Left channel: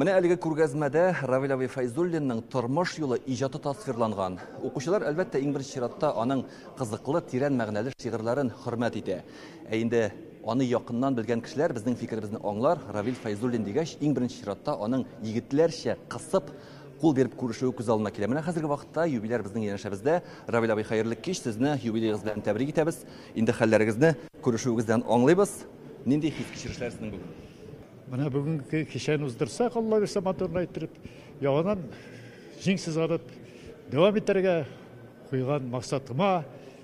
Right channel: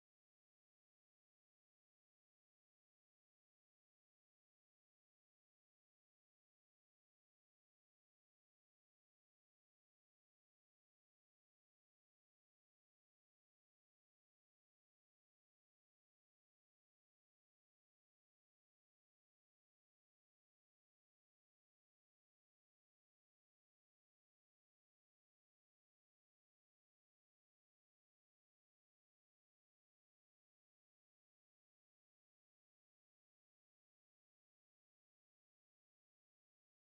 Менә әлеге күргәзмәдә Равил абый Файзуллинның тормыш юлы иҗаты тасвирланган. Укучылар әлбәттә иң беренче чиратта аның кызыклы, тирән мәгънәле шигырьләрен хөрмәт итә. Инде аны якыннан белгән кешеләр безнең фикеребезне аңлар. Равил Файзуллин дигәч, иң беренче чиратта аның егетләрчә кысып кул биреп күрешүе күз алдына килә. Менә хәзерге вакытта юбилер безнең янәшәбездә. Равил абый, хәерле кич, сезне юбилеегыз белән тәбрик итәбез. Инде хәлләрегезне күрешүегездән аңлыйбыз. Нинди хис кичерешләр сезнең бүген? Менә бүгенге кичәне уздырсак, Алла берсе моторны әйттереп, яңадан җиңсез арып, дәвам итәргә куйган максатыма,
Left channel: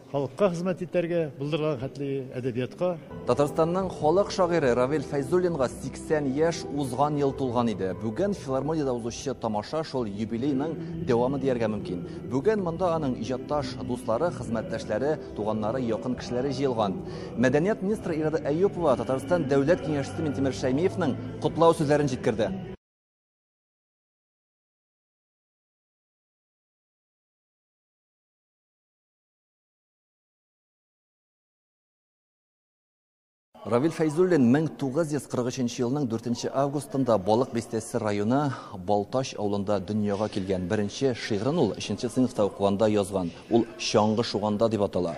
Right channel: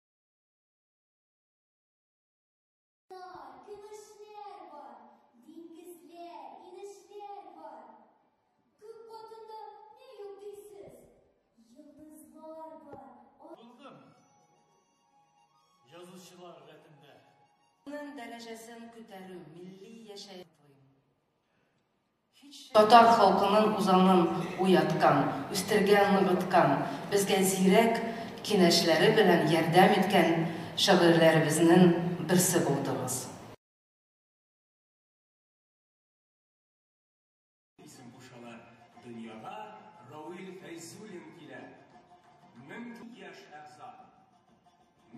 халыкка хезмәт итәргә, булдырган хәтле әдәбиятка. Татарстанның халык шагыйре Равил Файзуллинга 80 яшь узган ел тулган иде. Бүген филармониядә узучы тамаша шул юбилейның дәвамы дияргә мөмкин. Бүген монда аның иҗатташ дуслары, хезмәттәшләре, туганнары, якын кешеләре җыелган. Мәдәният министры Ирада Әйюпова Татарстан дәүләт киңәшчесе Минтимер Шәймиевның котлау сүзләрен җиткерде. Татар халкының узанын уяткан, үстергән, ныгыткан, безгә зирәк киңәшләре белән ярдәм иткән шагыйрьләребезнең берсе булдыгыз. Равил Файзуллин 1943 елның 4 августында Балык Бистәсе районы Балташ авылында дөньяга килгән. Беренче шигырын ул 3нче сыйныфта укыганда язган. Ул «Чаңгы шуганда» дип атала.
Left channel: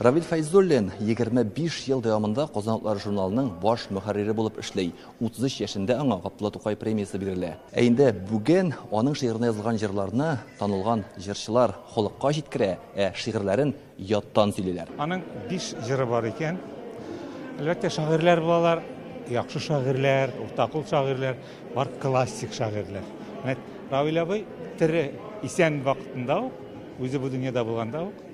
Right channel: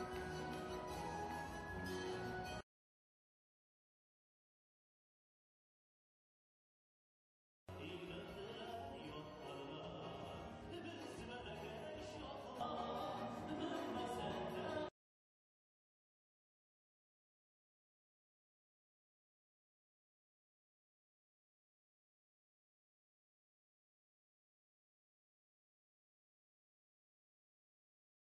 Равил Файзуллин 25 ел дәвамында Казан утлары журналының баш мөхәррире булып эшләй. 33 яшендә аңа Габдулла Тукай премиясе бирелә. Инде бүген аның шигырына язылган җырларны танылган җырчылар халыкка җиткерә, шигырьләрен яттан сөйлиләр. Аның 5 җыры бар икән. Әлбәттә шагыйрьләр булалар, яхшы шагыйрьләр, уртакул шагыйрьләр, бар классик шагыйрьләр. Равил абый тире исән вакытында ук, үзе бу дөньяда булганда ук,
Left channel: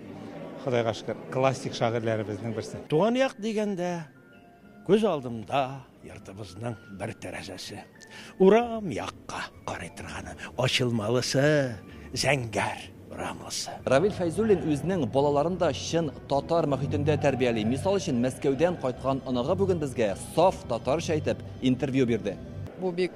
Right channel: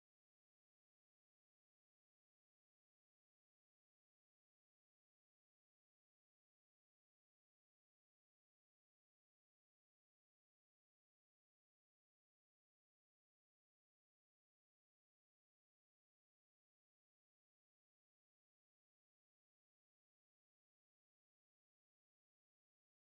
Худайга шөкер, классик шагыйрьләребезнең берсе. Туган як дигәндә, күз алдымда йортыбызның бер тәрәзәсе. Урам якка карый торганы, ачылмалысы, зәңгәр урамлысы. Равил Файзуллин үзенең балаларында чын татар мөхитендә тәрбияли. Мисал өчен Мәскәүдән кайткан оныгы бүген безгә саф татарча әйтеп интервью бирде. Бу бик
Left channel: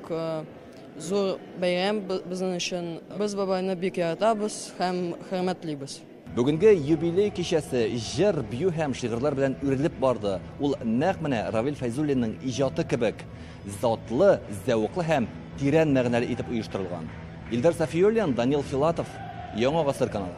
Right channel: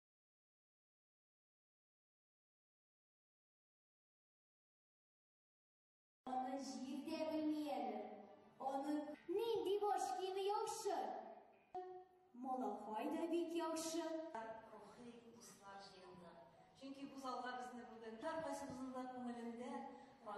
зур бәйрәм безнең өчен. Без бабайны бик яратабыз һәм хөрмәтлибез. Бүгенге юбилей кичәсе җыр, бию һәм шигырьләр белән үрелеп барды. Ул нәкъ менә Равил Файзуллинның иҗаты кебек затлы, зәвыклы һәм тирән мәгънәле итеп оештырылган. Илдар Сафиуллин, Данил Филатов, Яңа Гасыр каналы.